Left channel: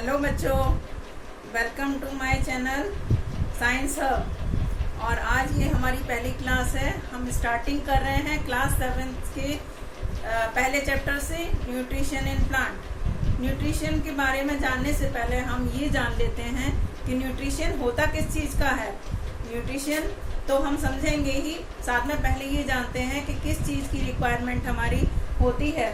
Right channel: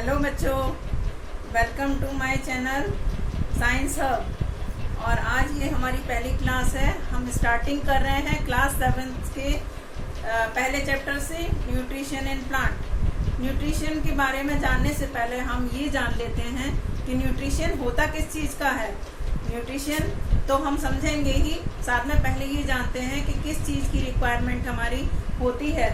Hello बच्चों, welcome to my channel science hub. और आज ये हमारी पहली क्लास है। हम स्टार्टिंग कर रहे हैं क्लास 7 के पहले चैप्टर से, न्यूट्रिशन इन प्लांट। न्यूट्रिशन के बारे में जानने से पहले हम ये जान लेते हैं कि न्यूट्रिशन होता किस चीज़ का है। न्यूट्रिशन तो हम समझेंगे ही, साथ में पहले ये जानते हैं कि किस चीज़ की रिक्वायरमेंट हमारी होती है।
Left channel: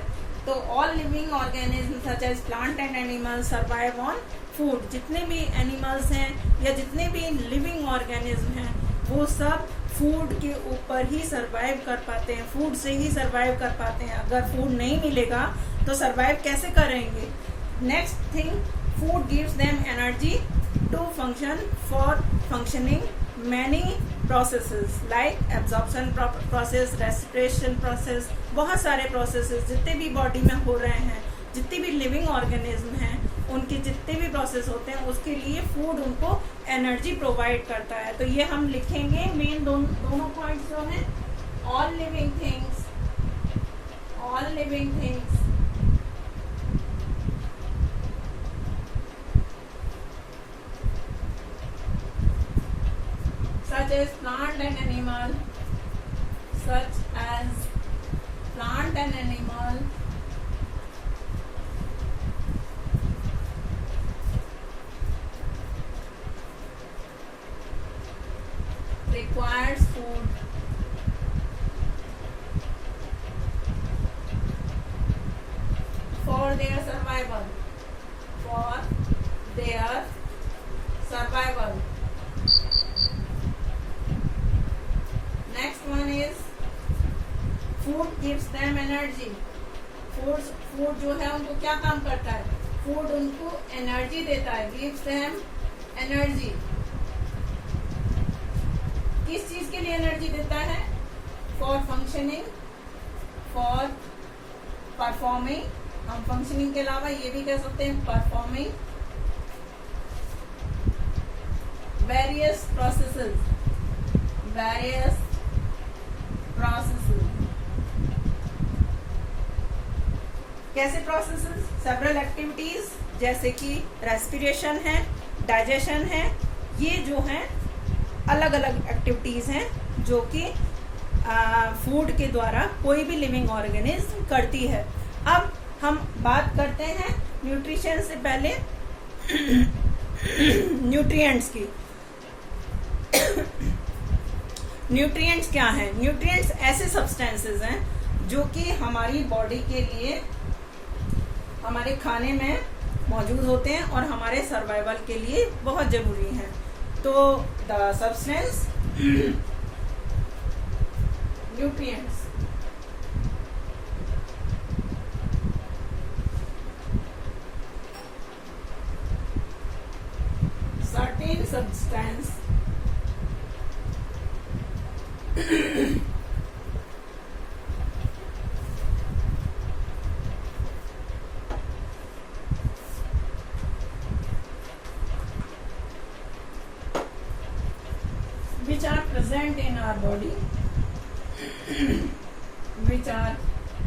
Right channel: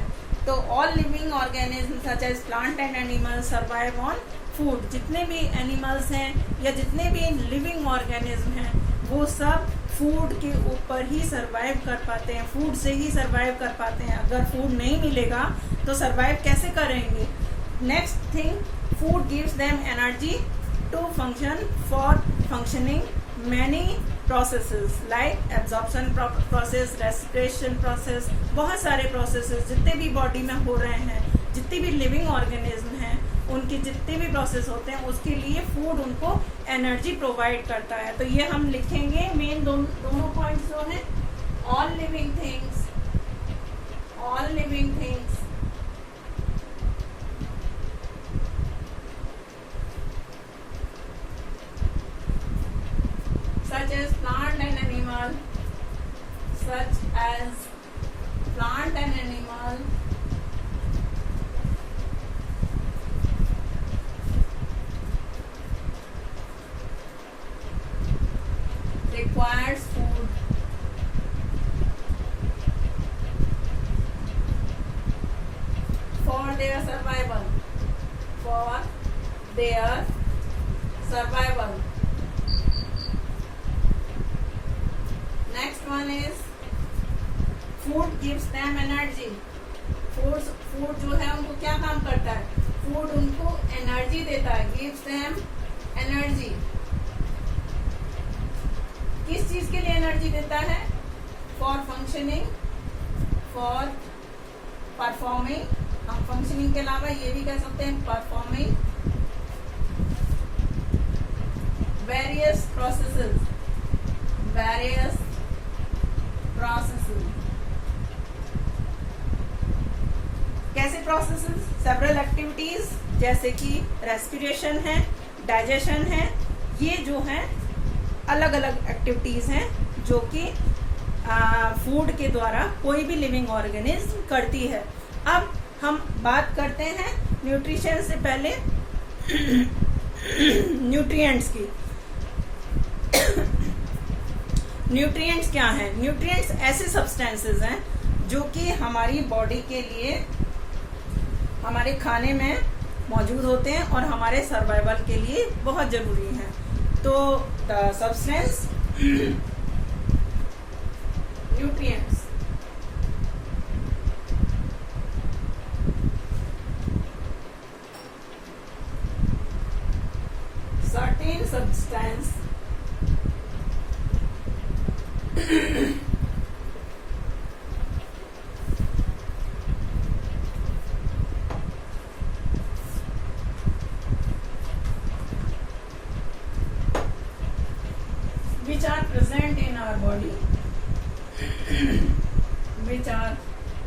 तो all living organism such as plant and animals survive on food. जितने भी एनिमल्स हैं या जितने भी लिविंग ऑर्गेनिज्म हैं वो सब फूड के ऊपर ही सरवाइव कर पाते हैं, फूड से ही सरवाइव कर पाते हैं। अगर फूड नहीं मिलेगा तो सरवाइव कैसे करेंगे। Next thing, food gives them energy to function for functioning many processes like absorption process, respiration process, बहुत सारे प्रोसेसेस जितने भी बॉडी में हो रहे हैं, जितनी भी लिविंग ऑर्गेनिज्म हैं उनके जितने भी प्रोसेस होते हैं उसके लिए फूड उनको एनर्जी प्रोवाइड करता है। तो ये हम लिखेंगे मेन दोनों पॉइंट्स जो हैं, all living things such as plant and animal requires food for their survival. Next one is food gives them energy. Food जो है उनको क्या काम करता है, फूड उनको एनर्जी देता है, gives them energy। किस चीज के लिए एनर्जी देता है, फॉर फंक्शनिंग, फॉर परफॉर्मिंग। हम फंक्शनिंग के अलावा ये भी कह सकते हैं परफॉर्मिंग वेरियस प्रोसेसेस। कैसे प्रोसेसेस, सेवरल एक्टिविटीज जैसे कि रेस्पिरेशन है, डाइजेशन है, ये जो है अलग अलग एक्टिविटीज हैं जो कि फूड के द्वारा कोई भी लिविंग ऑर्गेनिज्म करती है। अब हम बात करते हैं न्यूट्रिशन से पहले न्यूट्रिएंट्स की। न्यूट्रिएंट्स क्या हैं? न्यूट्रिएंट्स ऐसे सब्सटेंसेस हैं जो कि हमारी बॉडी के लिए हमारे खाने में मौजूद होते हैं और हमारे सर्वाइवल के लिए बहुत जरूरी हैं। तो the substance nutrients, certain substance which are present in our body which are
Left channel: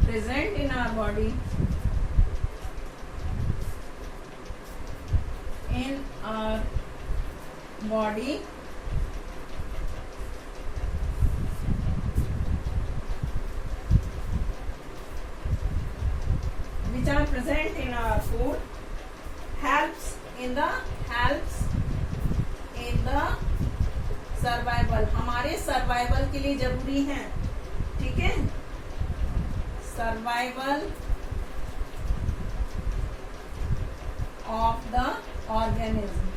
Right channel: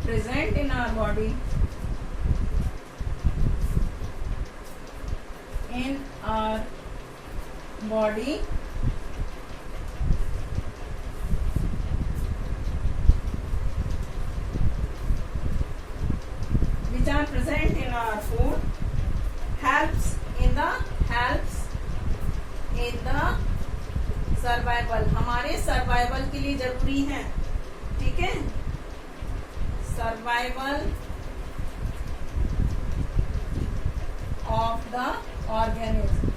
present in our food helps in the survival, हमारे सर्वाइवल के लिए जरूरी है। ठीक है, सर्वाइवल ऑफ द ऑर्गेनिज्म,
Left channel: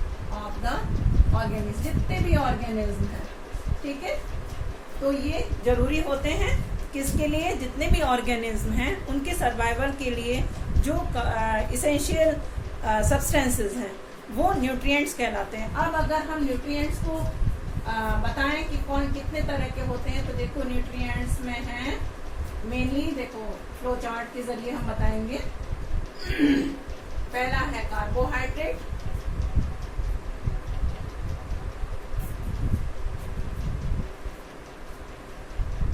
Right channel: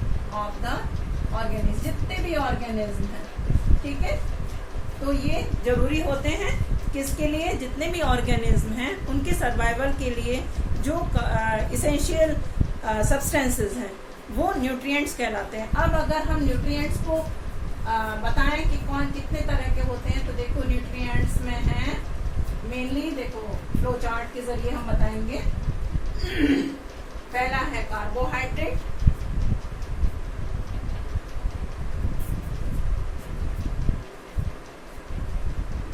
जितने भी ऑर्गेनिज्म हैं। ठीक है, तो ये जरूरी होते हैं किसके लिए, जितने भी ऑर्गेनिज्म हैं उनके सर्वाइवल के लिए जो इसेंशियल सब्सटेंसेस हैं वो न्यूट्रिएंट्स कहलाते हैं। अब अगर हम न्यूट्रिएंट्स को बताएं कि कौन कितने तरह के होते हैं, तो देखो न्यूट्रिएंट्स में हैं मेनली, देखो फ्लो चार्ट के जरिए हम बताएंगे। पहला है कार्बोहाइड्रेट,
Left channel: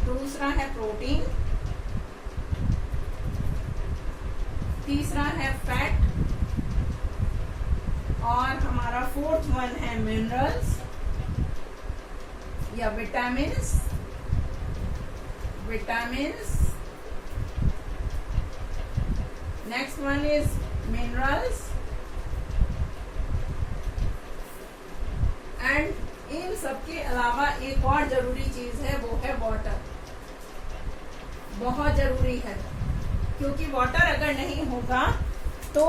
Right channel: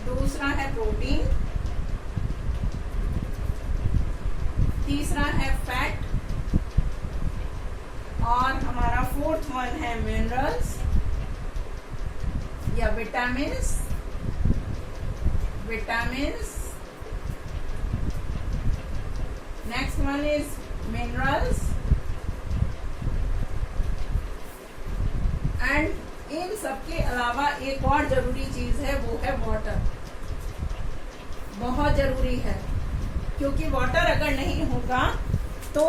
दूसरा है प्रोटीन, तीसरा है फैट, फोर्थ वन है मिनरल्स या vitamins. Next one is minerals and in सबके अलावा एक और जरूरी चीज है, वो है वाटर। बहुत जरूरी है, क्योंकि वाटर अगर नहीं होगा तो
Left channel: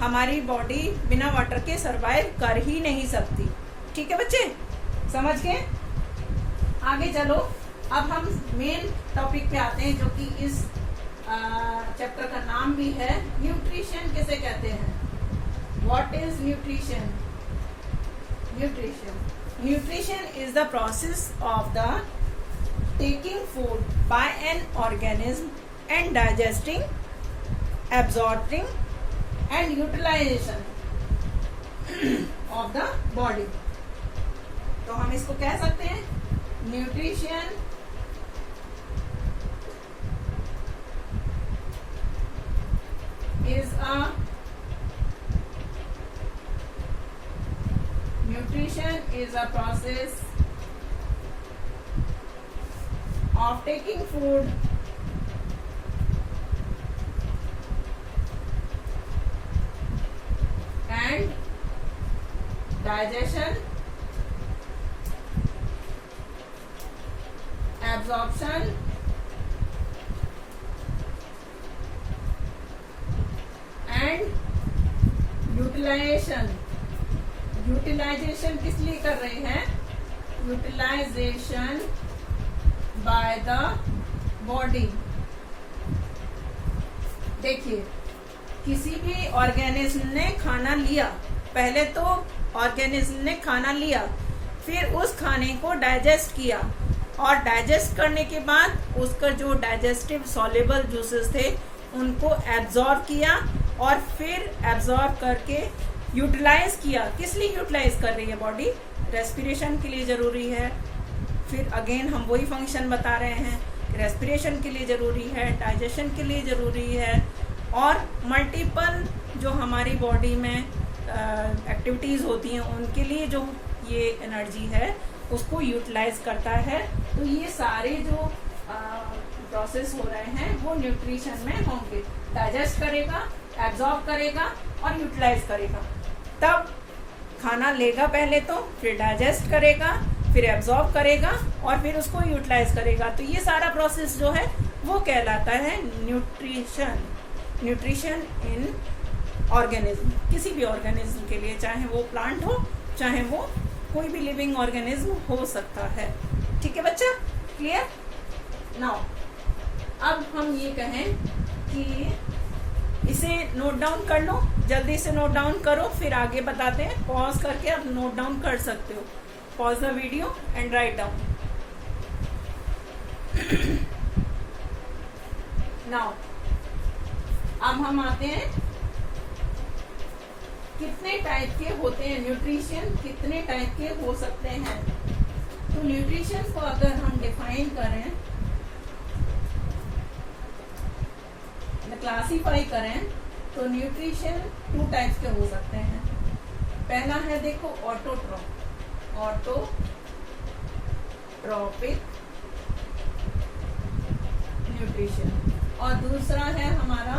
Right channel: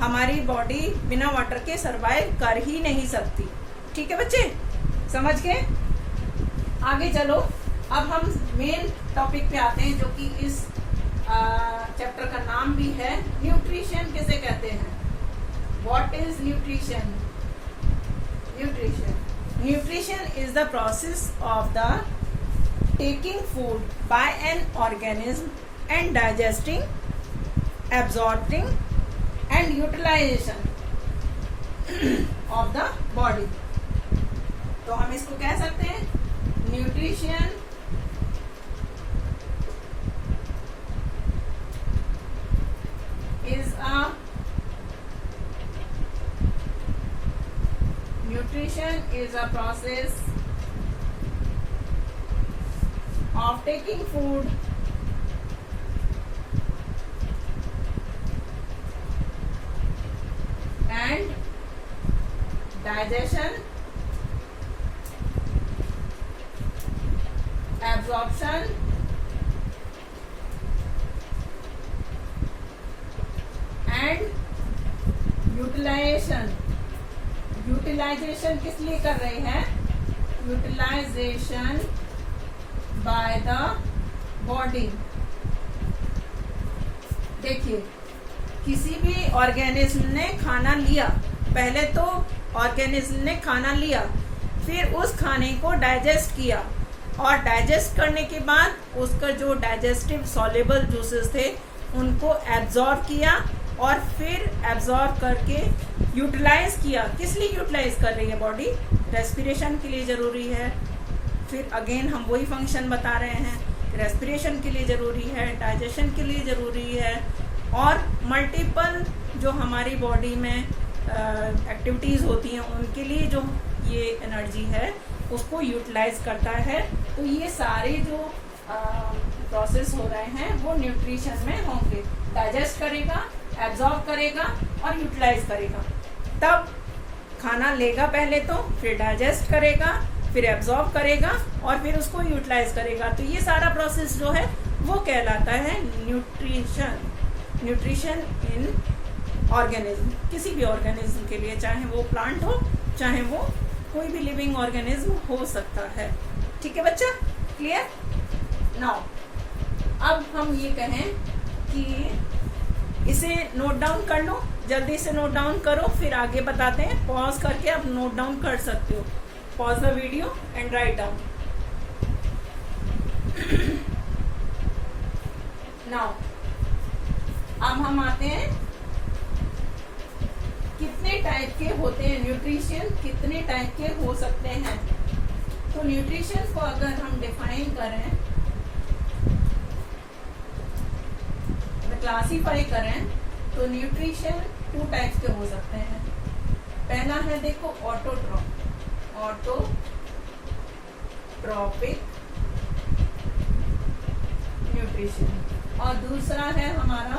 हमारी बॉडी बिना वाटर के सरवाइव कर ही नहीं सकती। ठीक है बच्चे, समझ गए? आगे चलो, अब हम मेन टॉपिक पे आते हैं, जो कि इस चैप्टर का नाम भी है, न्यूट्रिशन किसे कहते हैं। What is nutrition? Nutrition is the process of the taking food by an organism and digesting, absorbing and utilization of the body। तो हम इसको कह सकते हैं nutrition is a process of taking food and digestion, absorption and utilization। Utilisation किस लिए कर रहे हैं? Utilisation by the body. देखिए, किसी भी ऑर्गेनिज्म ने खाना लिया, पहले तो ऑर्गेनिज्म ने खाना लिया, फिर उस खाने को डाइजेस्ट किया, और डाइजेस्ट करने के बाद उसका जो डाइजेस्टिव सॉल्युबल जूसेस थे उनको एब्जॉर्ब किया, और फिर एब्जॉर्ब करके यूटिलाइज किया। किस लिए यूटिलाइज कर रही है बॉडी? रेस्पिरेशन के लिए जरूरी है। फिर अगेन हम वही फंक्शन बता रहे हैं, रेस्पिरेशन के लिए जरूरी है, डाइजेशन के लिए जरूरी है, और मल्टीपल जो हमारी बॉडी में एक्टिविटीज होती हैं उनके लिए जो ये एनर्जी है उसको यूटिलाइज करता है। तो ये सारे जो प्रोसेस हो रहे हैं वो न्यूट्रिशन में होंगे। डाइजेस्ट करेगा, एब्जॉर्ब करेगा और यूटिलाइज करेगा। तब खाना लेगा पहले तो, फिर डाइजेस्ट करेगा, फिर एब्जॉर्ब करेगा और फिर उसको यूटिलाइज करेगा। तो ये सारा प्रोसेस जो है वो कहलाता है न्यूट्रिशन। न्यूट्रिशन इन ऑर्गेनिज्म, किसी भी ऑर्गेनिज्म के लिए, चाहे वो प्लांट हो, चाहे वो कोई भी लिविंग ऑर्गेनिज्म हो सकता है। ठीक है बच्चा, क्लियर? नाउ अब हम ये कहें कि इसे नोट डाउन कर लो, जल्दी से नोट डाउन करो, फिर आगे बताते हैं। पॉज करके आप नोट डाउन कर सकते हो। Pause the video and write down. Now अब हम आते हैं, कितने टाइप के होते हैं न्यूट्रिशन, कितने टाइप के हो सकते हैं। तो न्यूट्रिशन को अगर हम डिफाइन करें, क्लासीफाई करें, तो न्यूट्रिशन 2 टाइप्स के हो सकते हैं। पहला है देखो ऑटोट्रॉपिक न्यूट्रिशन, और दूसरा है हमारा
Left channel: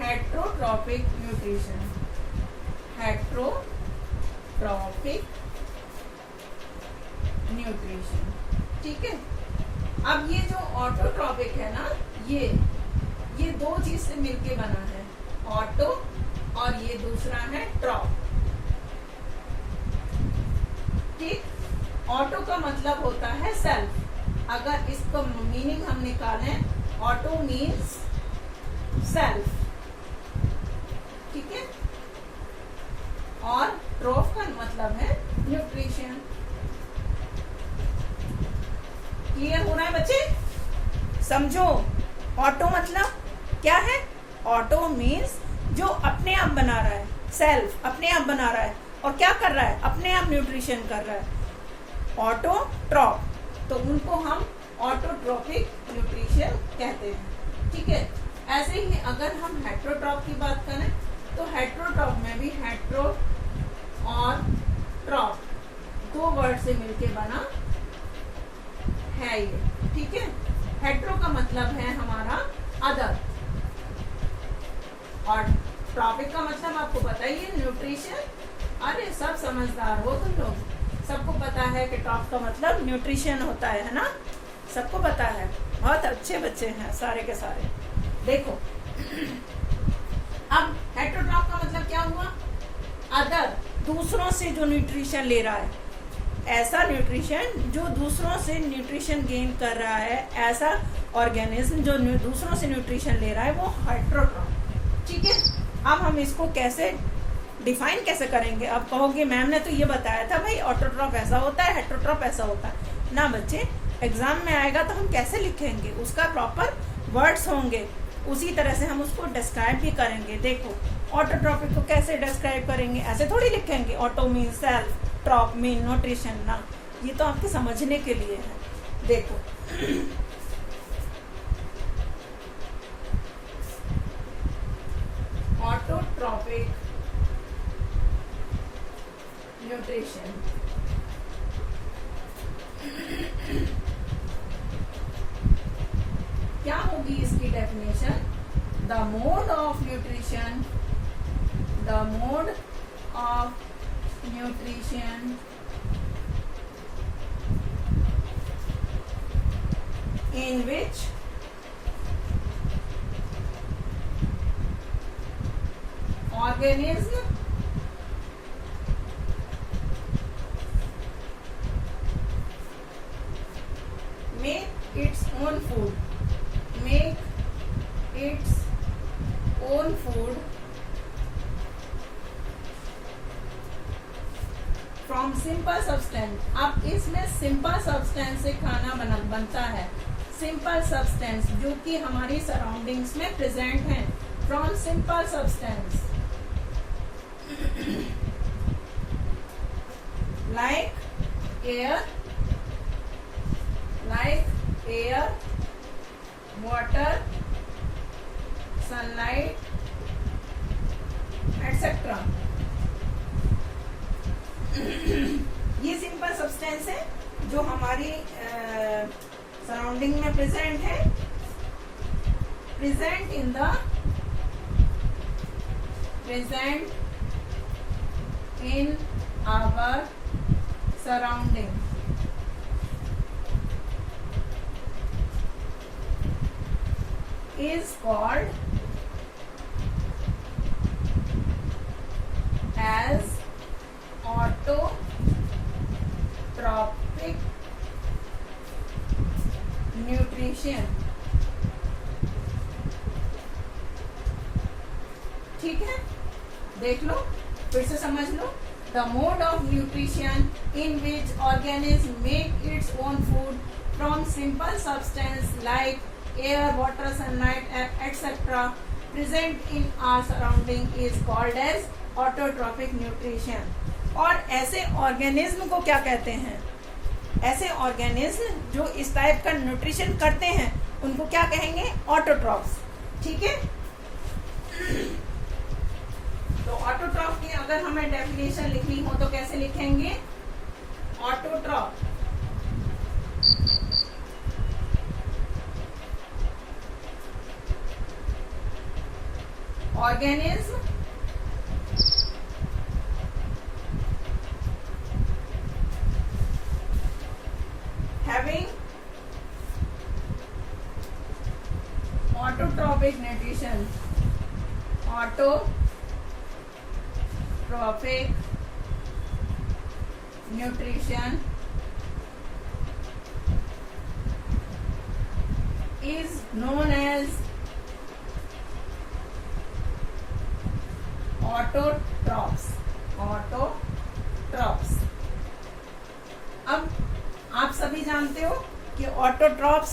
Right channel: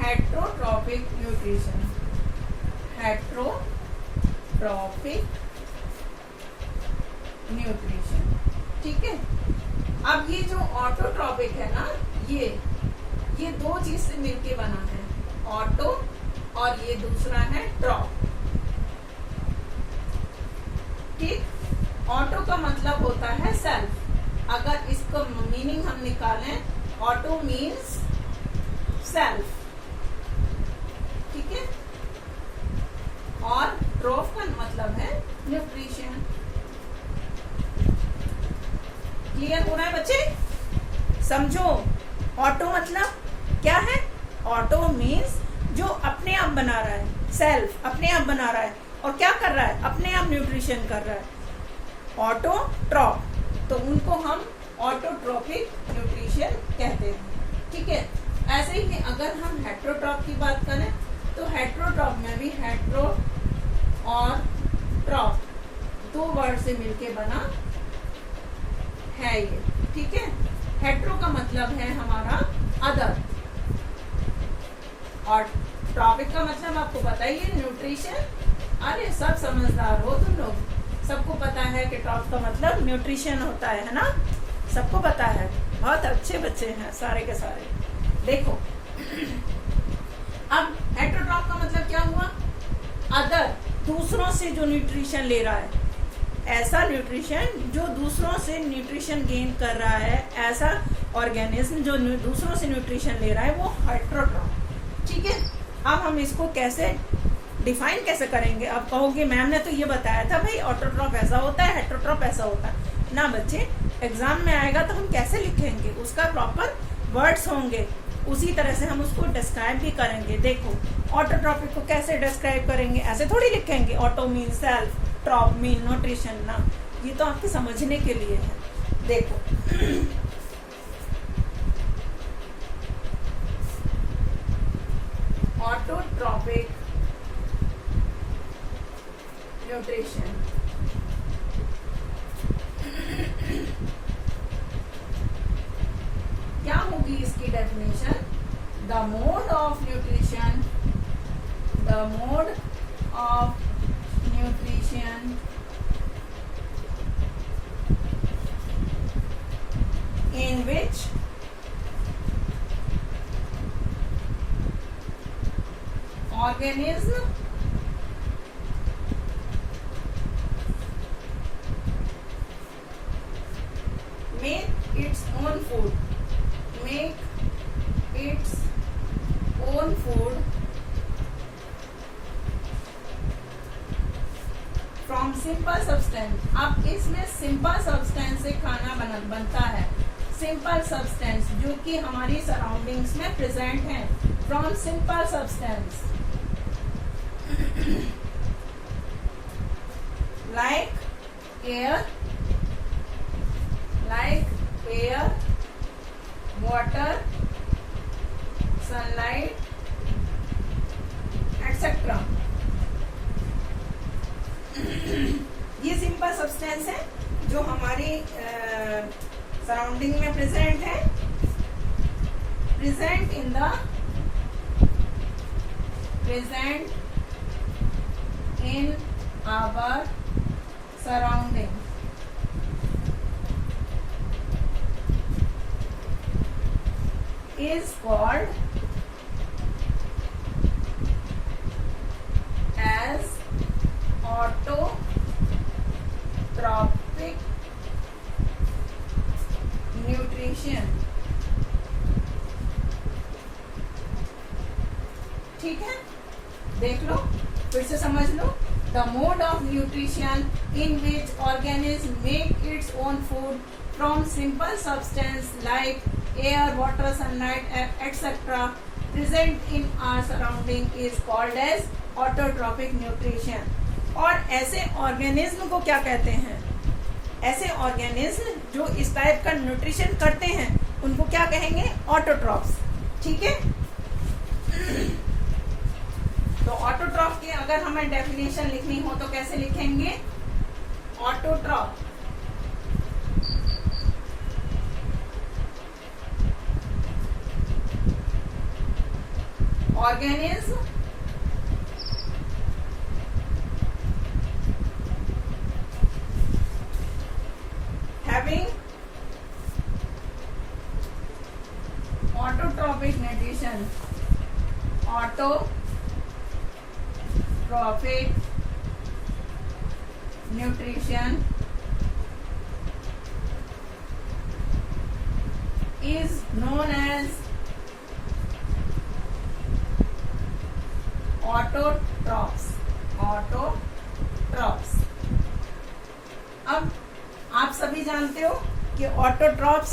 हेट्रोट्रॉपिक न्यूट्रिशन। हेट्रोट्रॉपिक न्यूट्रिशन, ठीक है। अब ये जो ऑटोट्रॉपिक है ना, ये 2 चीज से मिलके बना है, ऑटो और ये दूसरा है ट्रॉप। ठीक, ऑटो का मतलब होता है सेल्फ। अगर इसका मीनिंग हम निकालें, ऑटो मीन्स सेल्फ, ठीक है, और ट्रॉप का मतलब है न्यूट्रिशन। क्लियर हो रहा है बच्चे? समझो, ऑटो मतलब क्या है? ऑटो मीन्स जो अपने आप बना रहा है, सेल्फ अपने आप बना रहा है, और क्या कर रहा है? अपने आप न्यूट्रिशन कर रहा है। ऑटोट्रॉप, तो उनको हम ऑटोट्रॉपिक न्यूट्रिशन कहते हैं, ठीक है। ऐसे ही अगर हम हेट्रोट्रॉप की बात करें, तो हेट्रोट्रॉप में भी और ट्रॉप, दो वर्ड से मिलके बना है ये, ठीक है। हेट्रो का मतलब है हमारा अदर, और ट्रॉपिक का मतलब आपको पता ही है, न्यूट्रिशन। अरे सब समझदार हो तुम लोग, सबको पता है कि ट्रॉप का मतलब न्यूट्रिशन होता है ना, सबको पता है, बहुत अच्छे बच्चे हैं सारे के सारे। देखो अब हेट्रोट्रॉप का मतलब क्या हुआ, अदर, दूसरों से जो न्यूट्रिशन ले रहा है, ऐसा न्यूट्रिशन जो दूसरों से न्यूट्रिशन गेन कर रहा है, ऐसा ऑर्गेनिज्म जो दूसरों से न्यूट्रिशन ले रहा है, वो हेट्रोट्रॉप, ठीक है। अब हम इसको कैसे डिफाइन कैसे करेंगे। अब कहोगे मैम ने तो ये बताया था भाई ऑटोट्रॉप ऐसा होता है, हेट्रोट्रॉप ऐसा होता है ना बच्चे, एग्जाम में आएगा तो हम कैसे लिखेंगे, उसका प्रॉपर वर्ड्स होंगे, उसी तरह से हम उसको डिस्क्राइब भी करेंगे। देखो ऑटोट्रॉपिक को कैसे डिस्क्राइब करेंगे, ऐसे थोड़ी लिखेंगे, auto mean self, troph mean nutrition ना, ये तो आपके समझने के लिए है। देखो ऑटोट्रॉपिक न्यूट्रिशन, क्या होगी इसकी definition, the mode of nutrition, the mode of nutrition in which organism make its own food, make its own food from simple substance. अब इसमें सिंपल सब्सटेंस से खाना बनता है, सिंपल सब्सटेंस जो कि हमारी सराउंडिंग्स में प्रेजेंट है, from simple substance like air, water, sunlight etcetera. ये सिंपल सब्सटेंस है जो हमारी सराउंडिंग में प्रेजेंट है, present in our surrounding, is called as autotrophic nutrition, ठीक है। देख लो फिर से समझ लो, the mode of nutrition in which organism make its own food from simple substance like air, water, sunlight, etc. present in our surrounding is called as autotrophic nutrition। और ऐसे organism को क्या कहते हैं, ऐसे ऑर्गेनिज्म जो इस टाइप का न्यूट्रिशन करते हैं उनको क्या कहेंगे, ऑटोट्रॉप्स, ठीक है। तो ऑटोट्रॉप की अगर हमें डेफिनेशन लिखनी हो तो कैसे लिखेंगे, autotroph organism having autotrophic nutrition, autotrophic nutrition is known as autotrophs. अब आप सभी जानते हो कि ऑटोट्रॉप्स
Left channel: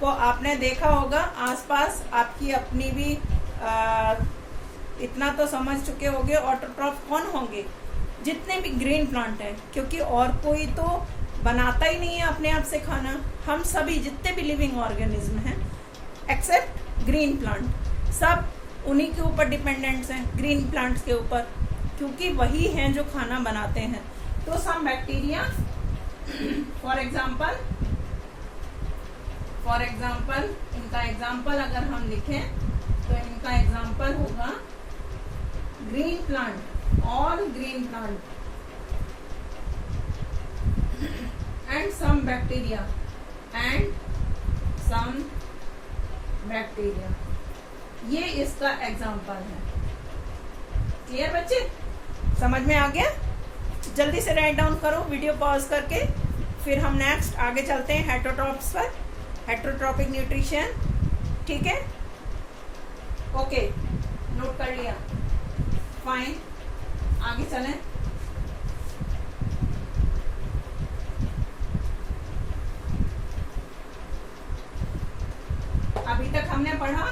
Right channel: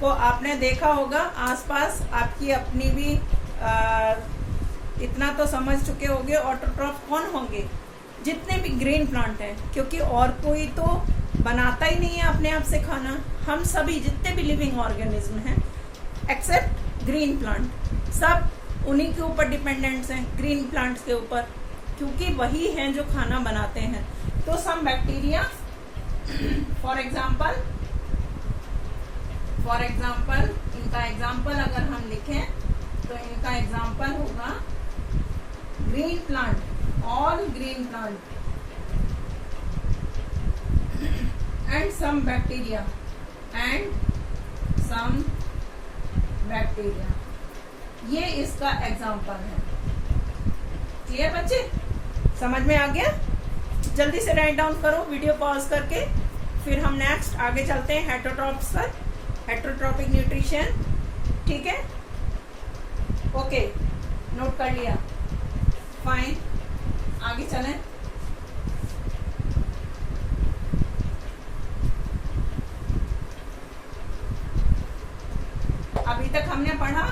को आपने देखा होगा आसपास, आपकी अपनी भी इतना तो समझ चुके होंगे ऑटोट्रॉप्स कौन होंगे, जितने भी ग्रीन प्लांट हैं, क्योंकि और कोई तो बनाता ही नहीं है अपने आप से खाना, हम सभी जितने भी लिविंग ऑर्गेनिज्म हैं एक्सेप्ट ग्रीन प्लांट, सब उन्हीं के ऊपर डिपेंडेंट्स हैं, ग्रीन प्लांट्स के ऊपर, क्योंकि वही हैं जो खाना बनाते हैं। तो सम बैक्टीरिया, फॉर एग्जाम्पल इनका एग्जाम्पल अगर हम लिखें तो इनका एग्जाम्पल होगा green plant, all green plant and some bacteria ये इसका एग्जाम्पल है। क्लियर बच्चे, समझ में आ गया? जल्दी से राइट डाउन करो वीडियो पॉज करके, फिर हम नेक्स्ट आगे चलते हैं हेटरोट्रॉप्स पर, हेटरोट्रॉपिक न्यूट्रिशन। ठीक है, ओके, नोट कर लिया, फाइन, आगे चलें। अभी तक हमने पढ़ा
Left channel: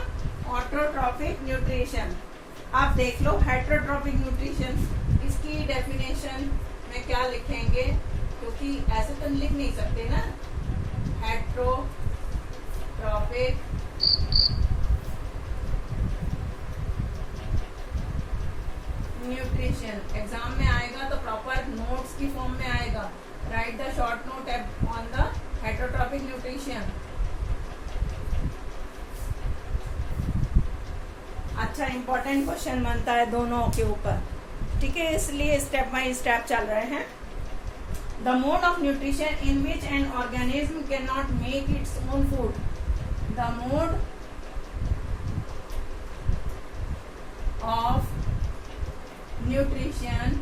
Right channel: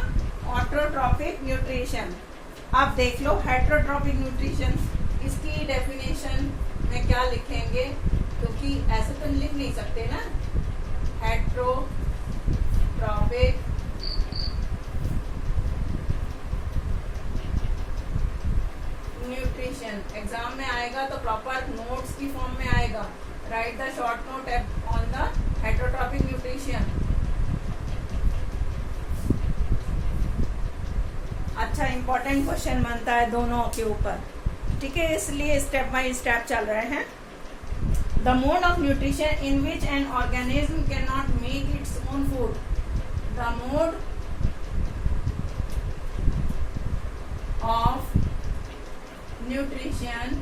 ऑटोट्रॉपिक न्यूट्रिशन। आप देख लो हेटरोट्रॉपिक न्यूट्रिशन, इसकी डेफिनेशन में क्या लिखेंगे, क्योंकि ऐसे तो लिख नहीं सकते ना। हेटरोट्रॉपिक न्यूट्रिशन एग्जाम में आएगा तो प्रॉपर नोट्स की फॉर्म में आएगा। Right the short note on the heterotrophic nutrition. अच्छा, इंपॉर्टेंट क्वेश्चन बनता है दोनों के ऊपर। ठीक है, इसलिए स्टेप बाय स्टेप चल रहे हैं। The mode of nutrition in which an organism can not make its own food. The mode of nutrition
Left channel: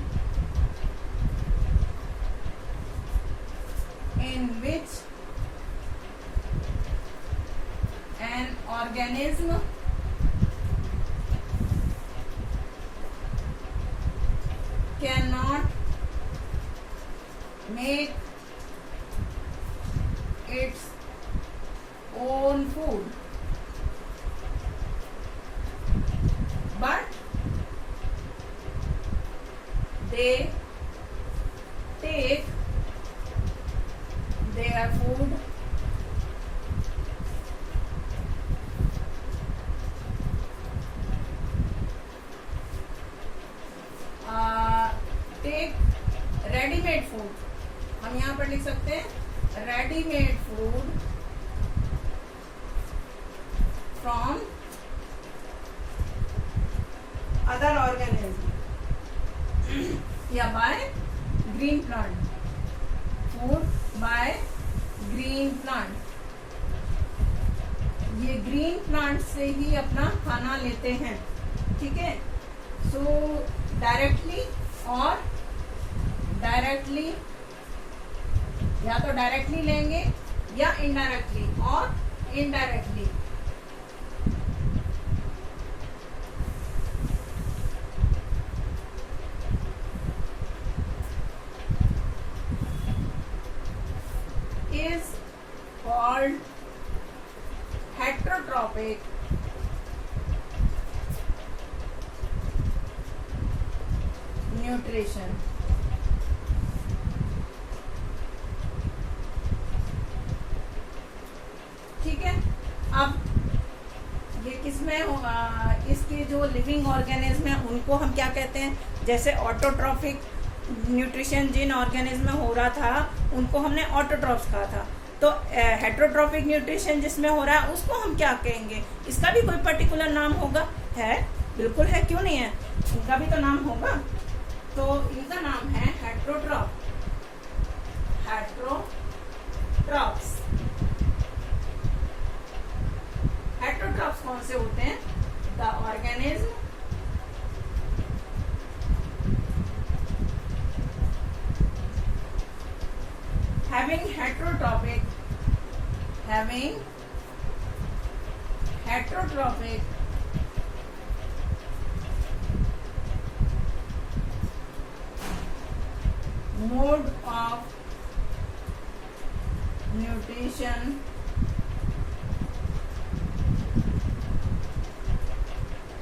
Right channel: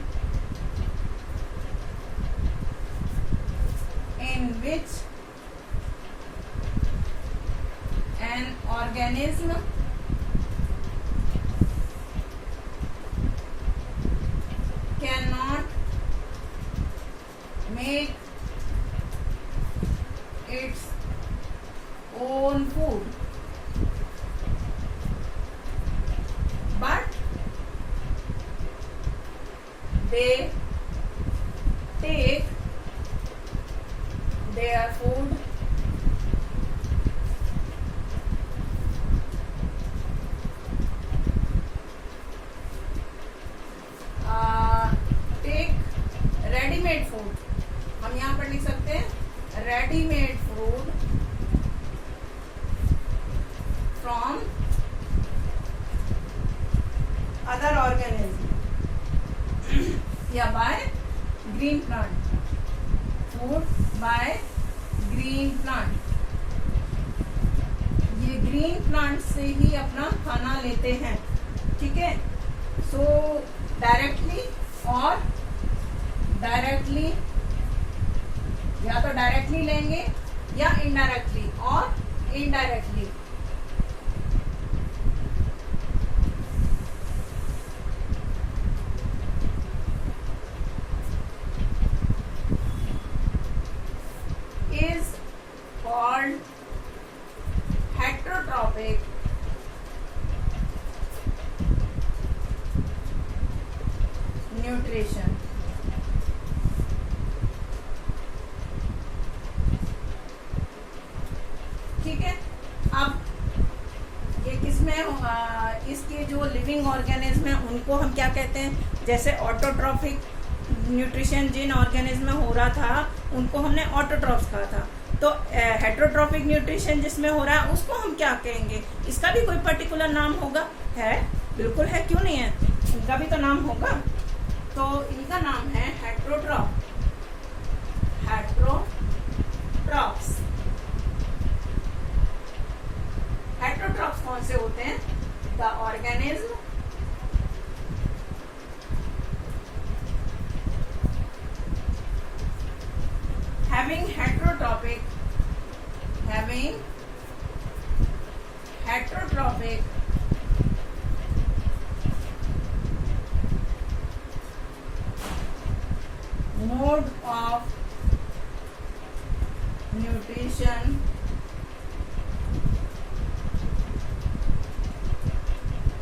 in which an organism cannot make its own food, but they take their food take readymade food, हम यहाँ पर लिख सकते हैं readymade food from other organism या by green plant, food by green plant. ये green plant से ही अपना खाना लेते हैं। ठीक है, सो डायरेक्टली और डायरेक्टली, या तो डायरेक्टली लेंगे या इनडायरेक्टली और indirectly. is called heterotropic nutrition। ठीक है, अब ये किसमें होगा, इसके जो लिविंग ऑर्गेनिज्म है उनको हम क्या कहते हैं? जैसे ऑटोट्रॉपिक न्यूट्रिशन जिन ऑर्गेनिज्म में हो रहा था उनको हमने ऑटोट्रॉप्स कहा था। तो हेटरोट्रॉपिक न्यूट्रिशन जिसमें हो रहा है उसको हम क्या कहेंगे? इसका भी कोई पर्टिकुलर नाम होगा? है, बिल्कुल है, क्यों नहीं है, इनका भी तो नाम होगा। तो इनका नाम है हेटरोट्रॉप्स। हेटरोट्रॉप्स कौन से होते हैं? The organism having heterotropic mode of nutrition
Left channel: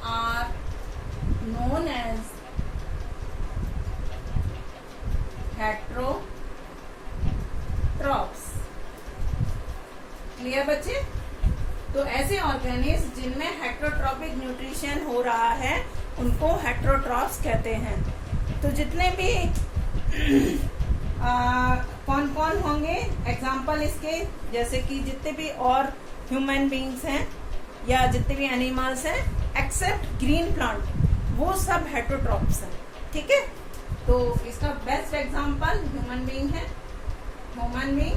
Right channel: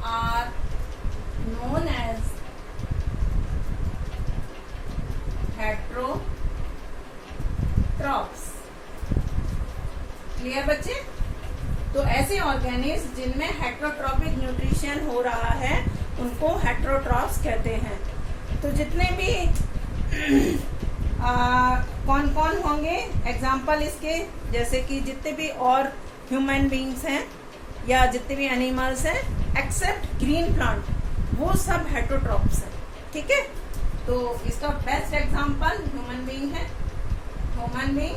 are known as heterotrophs. Clear बच्चे? तो ऐसे ऑर्गेनिज्म जिनमें हेटरोट्रॉपिक न्यूट्रिशन हो रहा है उनको हेटरोट्रॉप्स कहते हैं। तो जितने भी कौन कौन होंगे एग्जाम्पल इसके, जैसे कि जितने भी और ह्यूमन बींग्स हैं या जितने भी एनिमल्स हैं एक्सेप्ट ग्रीन प्लांट, वो सब हेटरोट्रॉप्स हैं। ठीक है, तो इसका बेस्ट एग्जाम्पल ह्यूमन बींग है। Human being